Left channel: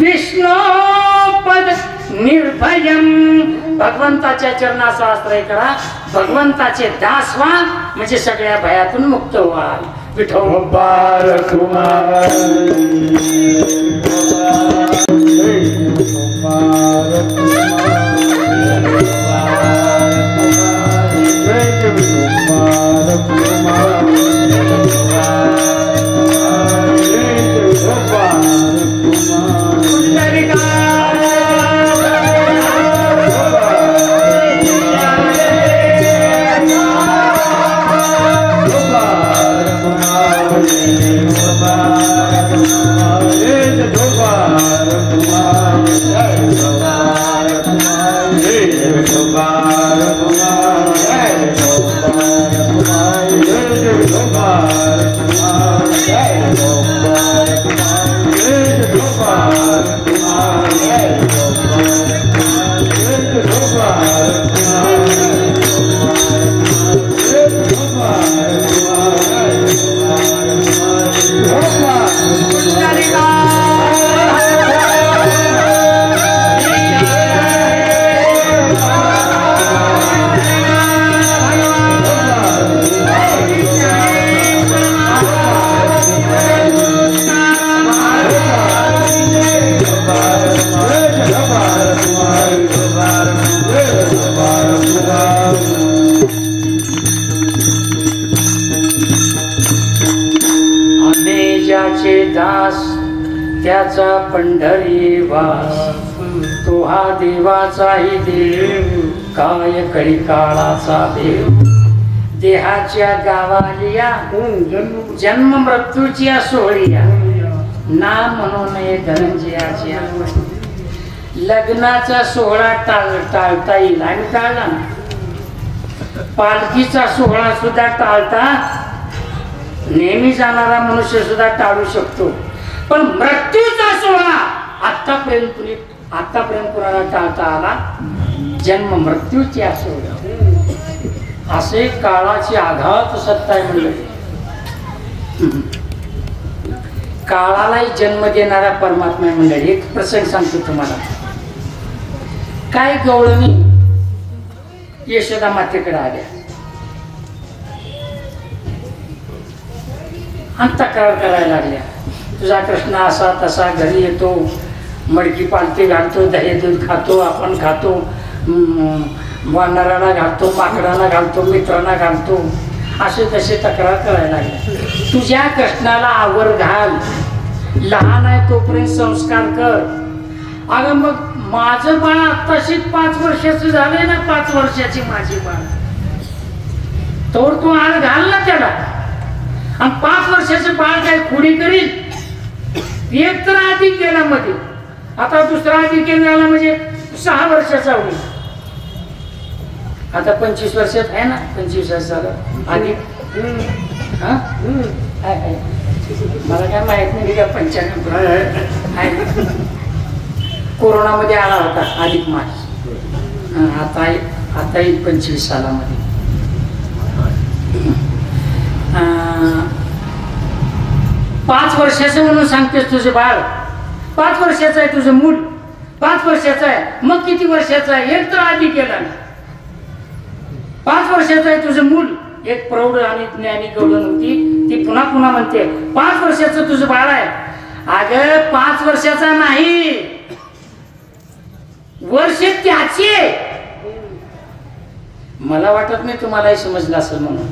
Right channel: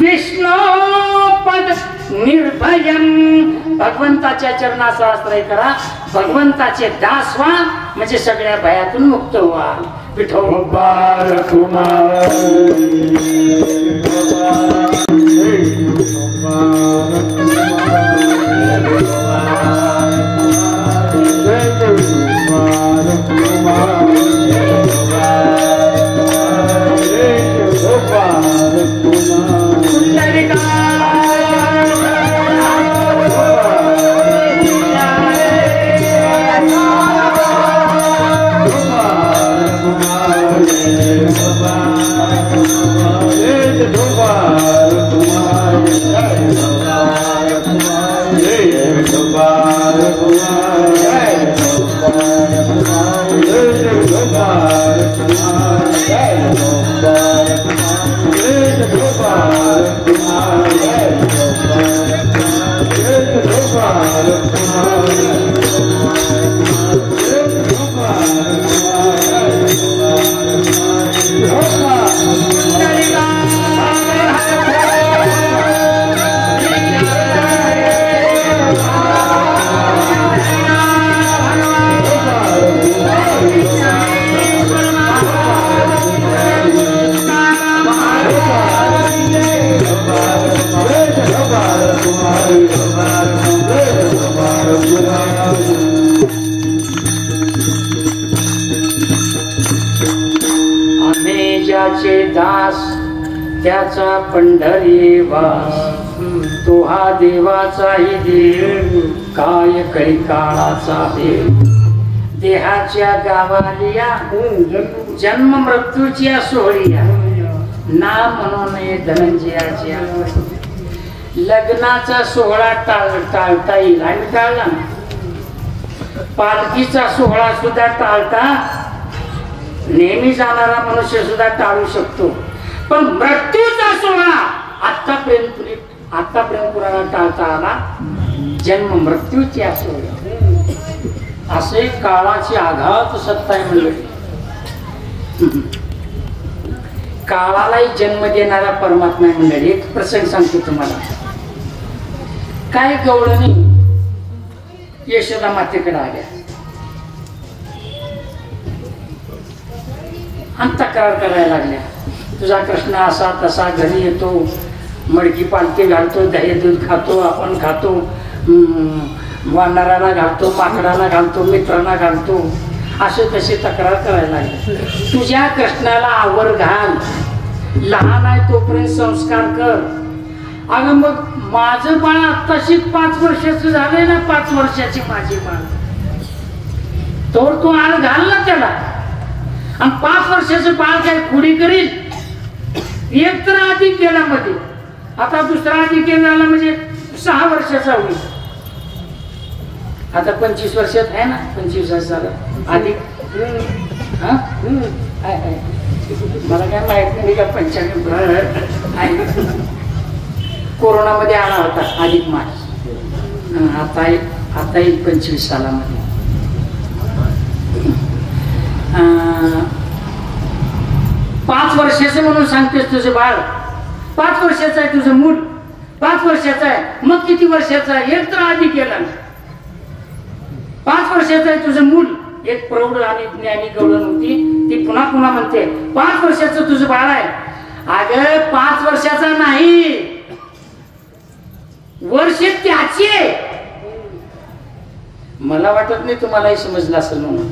विष्णुपद निर्भयम, भगवंताच्या चरणाचा आश्रय करा, भगवंताचे दास व्हा, म्हणजे सगळ्या भयातून मुक्त व्हाल. विठोबा कुमार त्याचा पंढरी वास, तो हा देवाचाही देव, काय करी काळाचा देव. देहाच्या गावालिया जन्म मृत्यूची सोहळीया, नाम म्हणून धनंजयाची. लग्नाचा सोहळा टाळता येईल आणि टाळला, पालखीचा सोहळा सुद्धा टाळता नेहमी जाणारा मनुष्य सुद्धा टाळू शकतो, पण मृत्यूचा सोहळा आतापर्यंत कुणाला टाळता आला. जन्म मृत्यूची सोहळा असे काळाची आघात सत्ता आहे. काळालाही जन्म देणारा परमात्मा मंडळी. एक प्रसंग सांगतो तुम्हाला. काय गवळणी यशोदा मातेकडे आल्या आणि तक्रार करायला लागल्या. तुझा कृष्ण असा तसा घरी येतो, मडकी पालखी घालतो, दही दूध खातो, आपण खातो, वानराला घालतो, पाकडाला घालतो, मित्रांना घालतो, असे तसे तक्रार करायला लागले. तुझ्या कृष्णाला आवर घाल, लहान आहे तोपर्यंत संस्कार कर. अगं मग माझं बाळ आत्ताशी 5 वर्षाचं झालंय ना, 5 वर्षाची माझी बाळ, तोवर तू आळ घाल ना त्याला. आणि 5 वर्षाचं बाळ काय खुडी करील. एक तर अधिक गेला मध्ये, आता दुसरा अधिक झाला म्हणजे 6 वर्षाचा होईल. आता 25 वर्षात आहे ना, 25 वर्षाला अधिक. मला काय माहित नाही का 95 कोरोनामध्ये आला होता अधिक मास. आता 25 सालामध्ये 5 वर्षाचं म्हणून सांगतेस. तुझं बाळ 5 वर्षाचं आहे, तुझं मूल 5 वर्षाचं आहे, मग किती वर्षाचं आहे. एक तर आधी केला. 5 वर्षाचं आहे तुझं मूल. एक प्रौढ आणि ज्ञानी गवळण होती, ती पुन्हा पुन्हा म्हणते 5 वर्षाचं तुझं बाळ आहे. अगं 5 वर्षाचा नाही, वर्ष त्याचे. मला वाटत नाही तुम्हालाही समजलं असं म्हणून.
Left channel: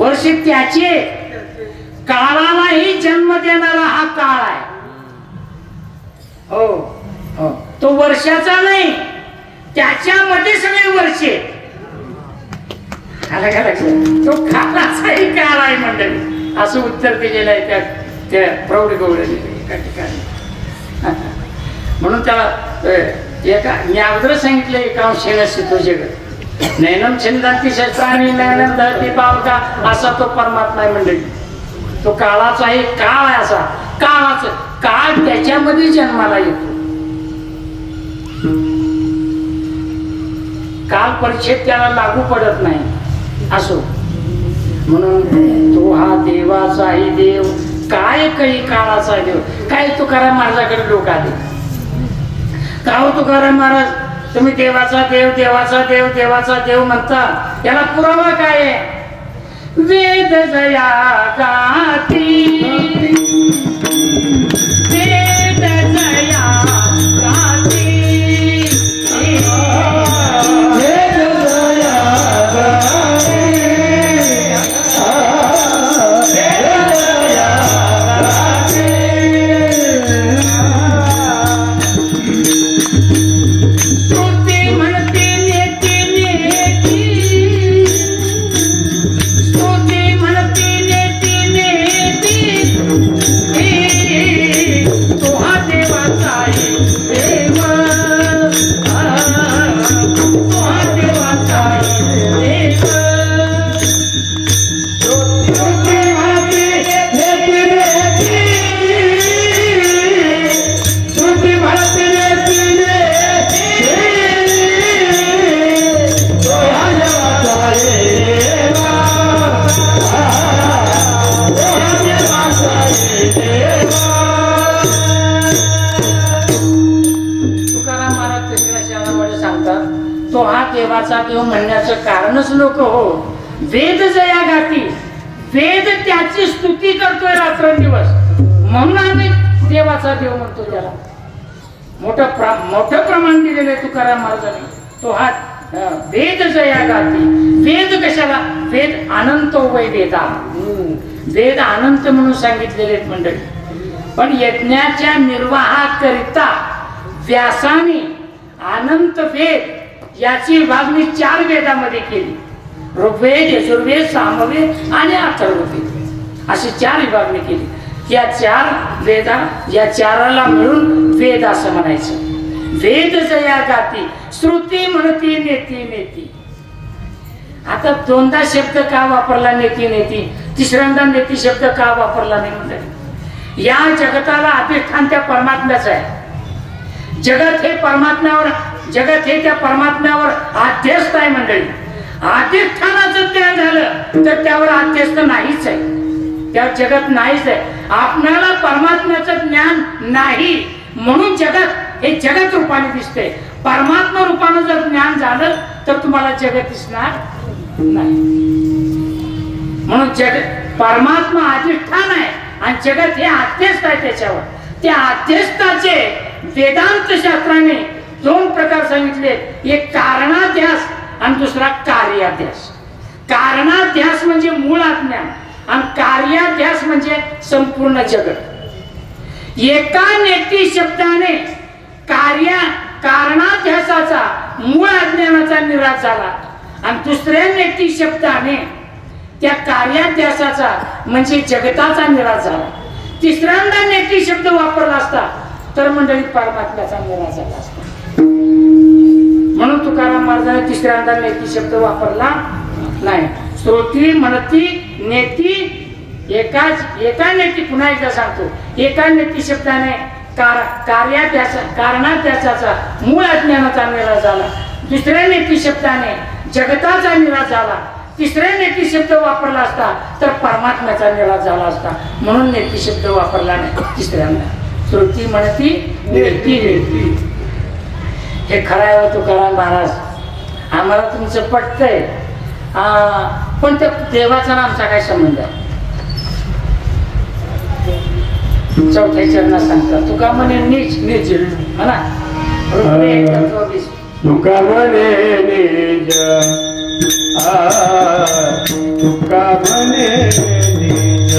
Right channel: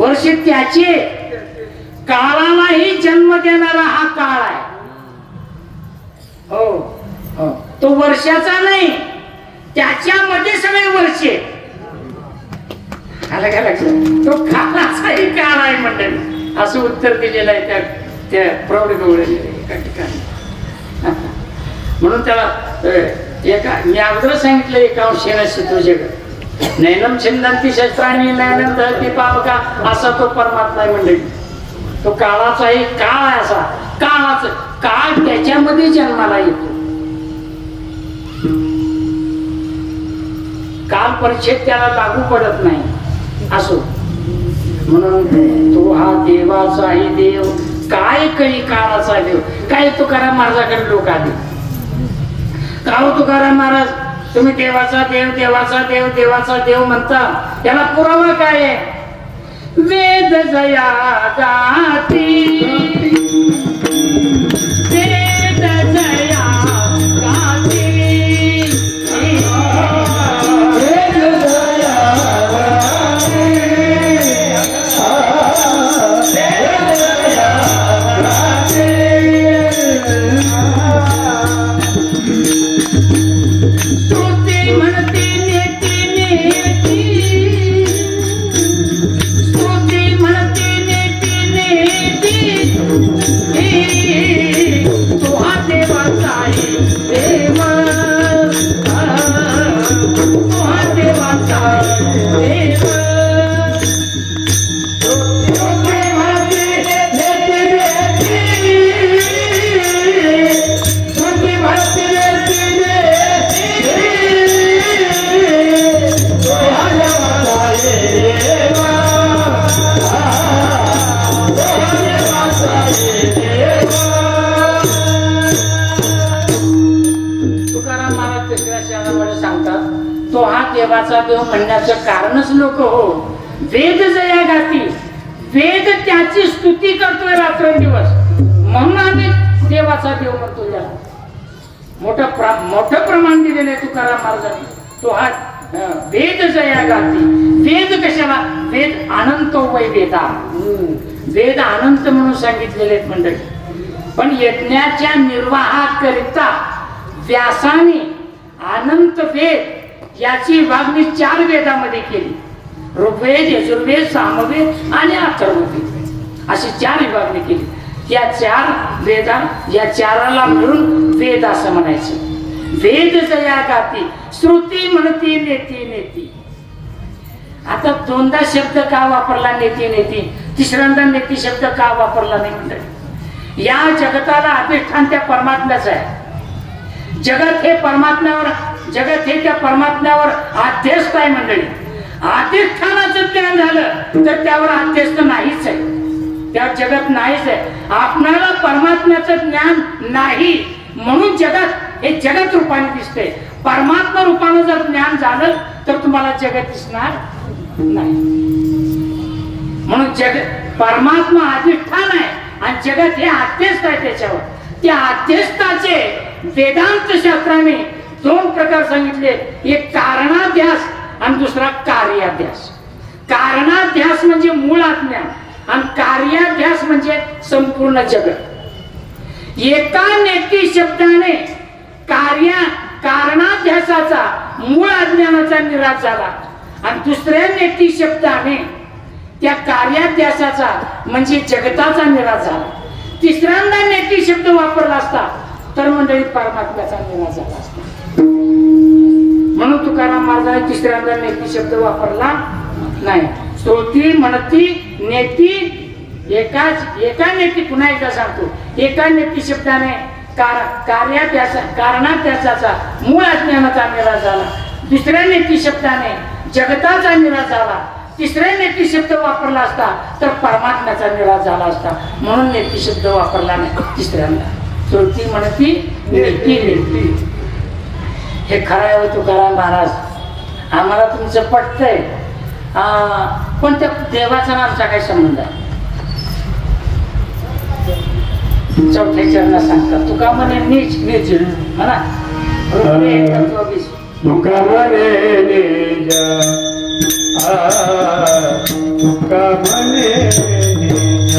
वर्ष त्याचे, काळालाही जन्म देणारा हा काळ आहे. हो हो, तो वर्षाचा नाही, त्याच्यामध्ये सगळे वर्षे. तो काळाचाही काळ आहे मंडळी, असं उत्तर दिलेलं आहे त्या प्रौढ गवळणी एका ठिकाणी. म्हणून त्याला मी अगोदर सांगितलं एकांशेन तुझ्याकडे नैनम छिंदंती शस्त्राणी नैनम दहती पावका, असा तो परमात्मा आहे मंडळी. तो काळाचाही काळ आहे. असा काळाचा काळ त्याच्यामध्ये जन्माला येतो. काल परिच्छेद त्याला लागू पडत नाही. असो म्हणून तो हा देवाचाही देव, काय काही काळाचा देव. काय तुकाराम महाराजाकडे डोका आली. का हो तुकाराम महाराज, तुम्ही देवाचा देव देवाचा देव देवाचा देव म्हणता, याला पुरावा काय आहे? वेद जया गाती, वेद जया गाती, वेद जया गाती, देव म्हणण्याचं कारणच लोक हो वेद जया गाती, वेद त्याची स्तुती करतोय रात्रंदिवस, म्हणून आम्ही देवाचा देव म्हणतो. त्याला मोठं प्रमाण दिलेलं आहे तुकाराम महाराजांनी. तो हा वेद जया गाती. वेद कशाला? वेद अनंत वै वेदा, वेद अनंत म्हणून सांगितलेले आहेत मंडळी. पण यज्ञाच्या निर्वाहाकरिता व्यासाने अनंत वेद याची विभागणी 4 वेदामध्ये केली. ऋग्वेद, यजुर्वेद, सामवेद आणि अथर्ववेद अशी 4 विभागणी केली. त्या 4 वेदा, या 4ला मिळून वेद असं म्हणायचं. वेद जया गाती, श्रुती म्हणती नेती नेती. आता 2दा शब्द का वापरला नेती नेती, तिसऱ्यांदा नेती शब्द का वापरला नाही म्हणते? या जगताला अधिष्ठान त्या परमात्म्याचं आहे. जगत हे परमात्म्यावर, जगत हे त्या परमात्म्यावर आध्यस्त आहे मंडळी. अधिष्ठानाचं ज्ञान झालं तर त्यावर आध्यस्त नाहीच आहे, त्यावर जगत नाहीच आहे. आपणाला परमात्म्याचं ज्ञान नाही म्हणून जगत हे जगत रूपाने दिसते. परमात्मा रूपानं जर ज्ञान झालं तर तुम्हाला जगत दिसणार नाही. म्हणून जगत, परमात्मा अधिष्ठान आहे आणि जगत हे आध्यस्त आहे त्याच्यावर. त्या आध्यस्थाचे वेदांत शास्त्राने 2 प्रकार सांगितले. एक कारणाध्यास आणि दुसरा कार्याध्यास. कारणाध्यास म्हणजे मूळ अज्ञान आणि कार्याध्यास म्हणजे संपूर्ण जगत. एका नेती शब्दाने कारणाध्यासाचा मूळ अज्ञानाचा निराश झाला आणि दुसऱ्या नेती शब्दाने त्या कार्याध्यासाचा म्हणजे जगताचा निराश झाला. तिसऱ्यांदा नेती शब्द वापरला असता तर मंडळी परमात्म्याचा निराश झाला असता. म्हणून तुकाराम महाराजांनी तिसऱ्यांदा नेती शब्द वापरला नाही. श्रुती म्हणती नेती, एका नेती, पुन्हा एकदा सांगतो, एका नेती शब्दाने कारणाध्यासाचा मूळ अज्ञानाचा निराश झाला. दुसऱ्या नेती शब्दाने जगताचा निराश झाला. तिसऱ्या नेती शब्द वापरला असता तर परमात्म्याचा निराश झाला असता. म्हणून नेती शब्द वापरला नाही तिसऱ्यांदा. श्रुती म्हणती नेती नेती. हे खरं आहे तुकाराम महाराज, आम्हाला तुमचं पटतंय, पण त्या देवाचा आमचा काय संबंध आहे? 4थ्या चरणात सांगतात तुका म्हणे नीच नीच म्हणा. तुका म्हणे नीच, तुका म्हणे नीच, तुका म्हणे नीच.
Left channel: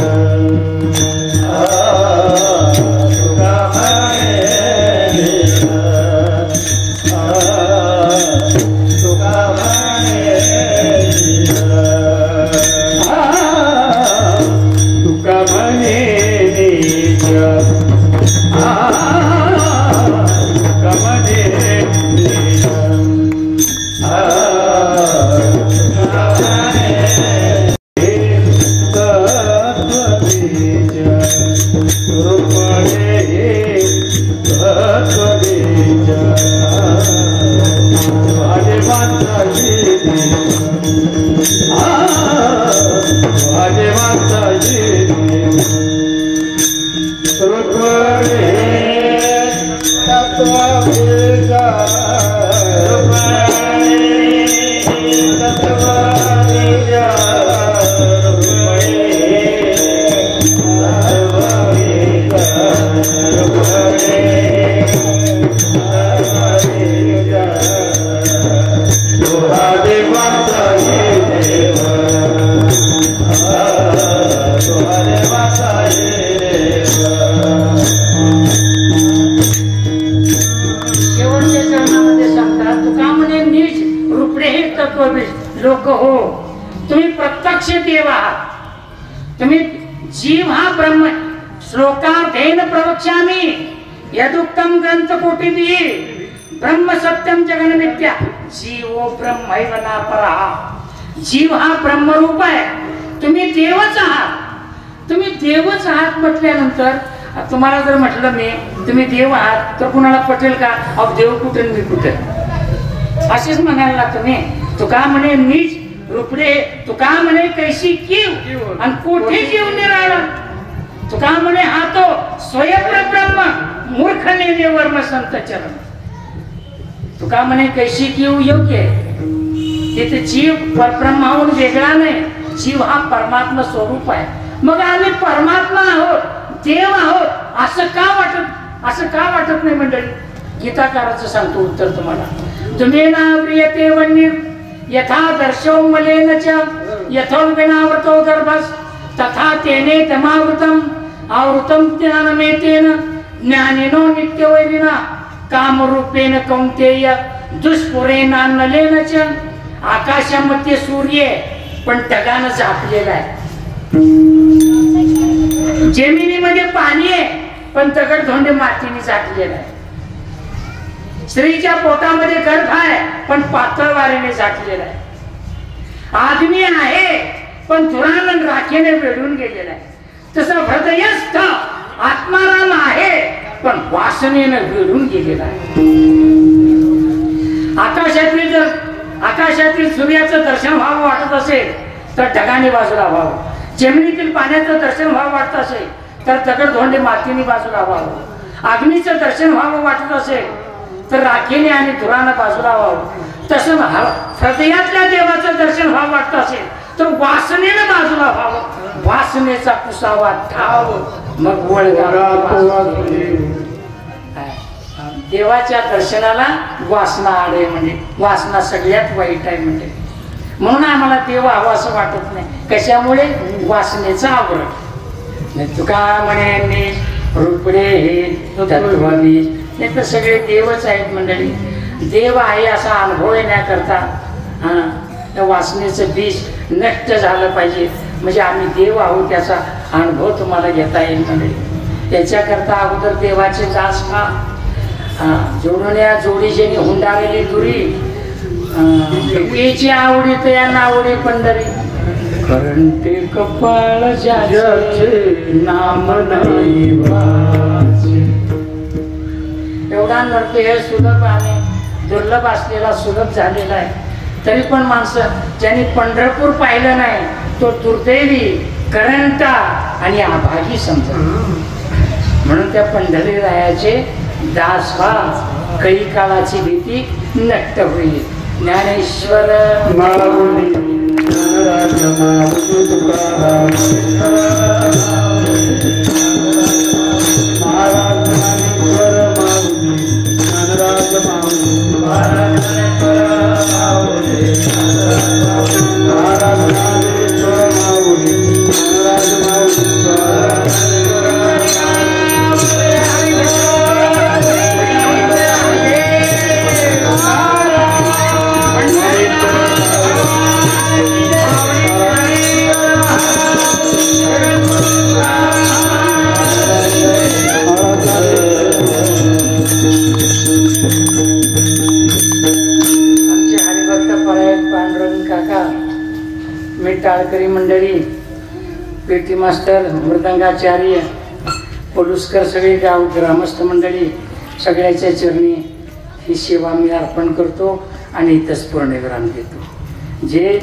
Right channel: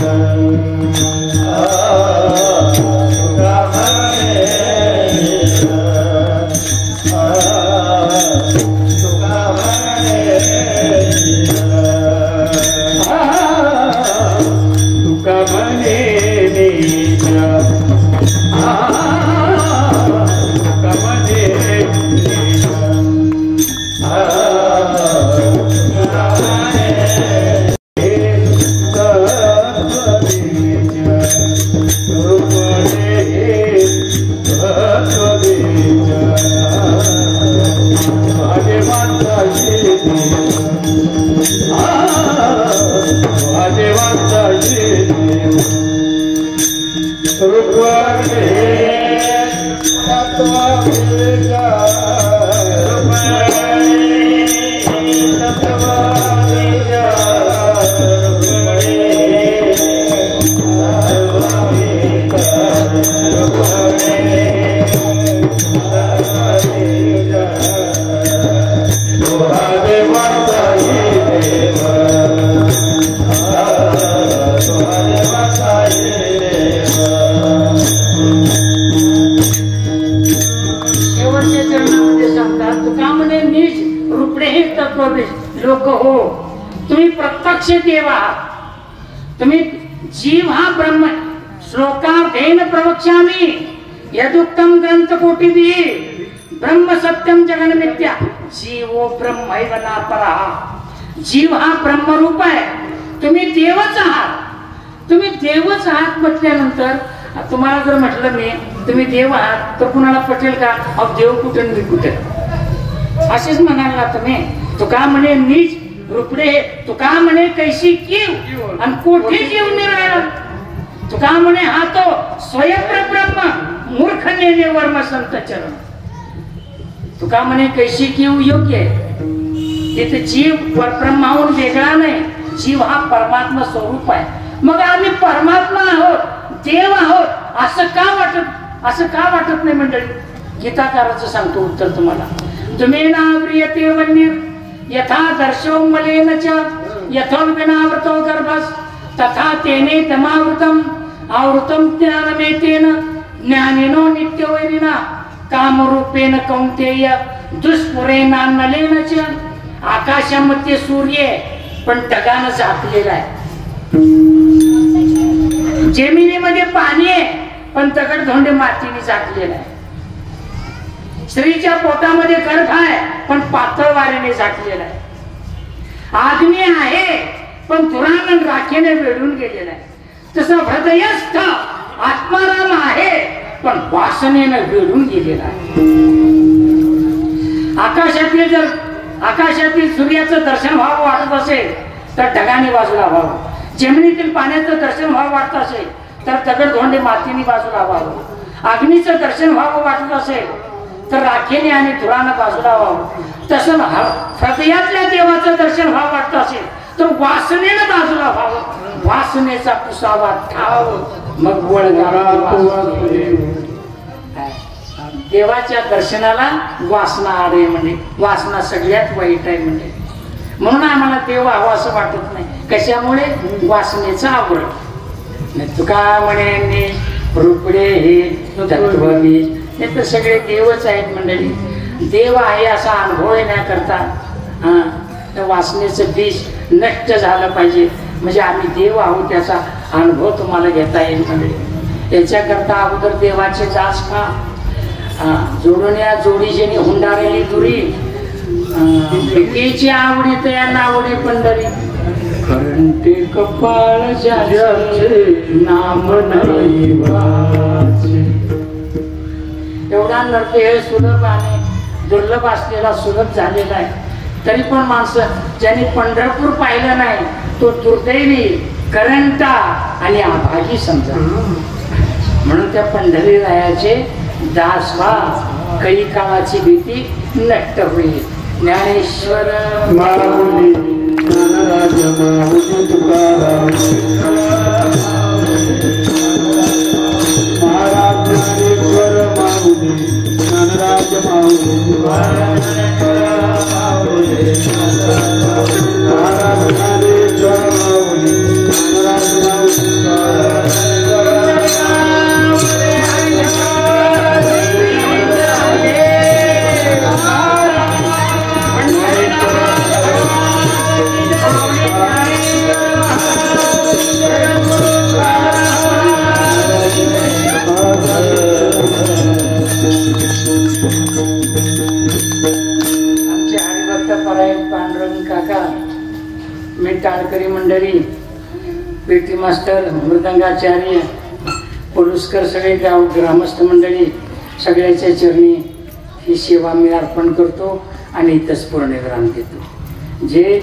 रुक्मणी लोक हो, तुम्ही प्रत्यक्ष देव आहात, तुम्ही जीव हा ब्रह्म. श्लोकार्थेन प्रवक्ष्यामि यदुक्तम ग्रंथ कोटिभिः ब्रह्म सत्यम जगन मिथ्या. जीवो ब्रह्मैव नापरः. जीव हा ब्रह्मरूप आहे, तुम्ही देवच आहात. तुम्ही देवच आहात म्हटल्यानंतर तुम्हाला जर म्हटलं नाही तुम्ही देव आहात तर कुणाला पटेल का? अब देव कुठे मी कुठे, असेच म्हणाला तुम्ही. तुका म्हणे नीच रुपडे, तुका म्हणे कैसी कीव आणि कोठे जीव निराळा. तुका म्हणे हा तो स्वयं ब्रह्म मूर्ख नेने वर्म संत चरण. तुका म्हणे कैसी कीव योग्य तिथे जीव परब्रह्मावर वेगळा नाही, जीव हा परमात्मा स्वरूप आहे. मग आम्ही परमात्मा आहोत, देव आहोत असं का वाटत नाही मंडळी? गीताकाराचं सांगतो उत्तर तुम्हाला. तुम्ही नाव्रियते वन्य यथा दर्शव मलेन च यथो विनावृतो गर्भस तथा तेने तमावृतम आवृतम ज्ञानमेतेन ज्ञानिनो नित्यवैरिणा कामरूपेण कौंतेय दुष्पुरेण नलेन च. आकाशामध्ये सूर्य पण ढगानं झाकलेला आहे, जमिनीमध्ये पाणी आहे पण दगडधोंडे मातीने झाकलेला आहे. स्त्रीच्या पोटामध्ये गर्भ आहे पण पातळ वाऱ्याने झाकलेला आहे. आग्नी आहे पण धुरानं राखेने वेढून गेलेला आहे. तसं हृदयस्थ आत्माराम आहे पण वासनेनं वेढून गेलेला आहे. आकाशातील सूर्याचं दर्शन व्हावं वाटत असेल तर ढगाने बाजूला व्हावं. जमिनीतील पाण्याचं दर्शन व्हावं वाटत असेल तर दगडधोंडे मातीने बाजूला व्हावं. अग्नीचं दर्शन व्हावं वाटत असेल तर राखेने आणि धुरानं बाजूला व्हावं. तसं हृदयातल्या देवाचं दर्शन व्हावं वाटत असेल तर वासनेनं बाजूला व्हावं. वासनेचा पुसावा ठाव मग देवाच्या दर्शनाला वासना आडे म्हणे. वासना सगळ्यात वाईट आहे म्हणजे. म्हणून आम्हाला देव हवा असं वाटत नाही. कशामुळे? वासनेचा आवड. तुका म्हणे रुपडे हे तत्वबीज हे तर सगळे देवच आहेत मंडळी. देव आहे असा अनुभव येण्याकरता त्या वासनेचं बीज नष्ट झालं पाहिजे म्हणजे आम्ही देव आहोत त्याचा अनुभव तुम्हाला घेता येईल मंडळी. याच्याकरता अगोदर देवाचे दास का जोडून या जोडीचे हुंडाळलेली दुरी पिकेची आवडी तया नावडी पंढरी कारण ते कपाळ ज्याचे नाम नाही वाचे. एवढा नृत्य हे सुलभ आहे, दुर्लभ असलेला सुलभ झालेला आहे. तरी पण माणसं ज्यांनी पंढरपूर पाहिलं नाही तो दुर्दैवी, करंटा आणि आभागी समजा. म्हणून त्या पंढरी रायाचे दास व्हा, काही काळाची भीती नष्ट होईल. ज्ञानेश्वर टाळकरी मंडळी, पेटी मास्टर, मृदंगाचार्य, पोलुसकर, सगळे ग्रामस्थ मंडळी सगळ्याच्या चरणी ही सेवा मी अर्पण करतो आणि इथंच पूर्ण विराम देतो. जे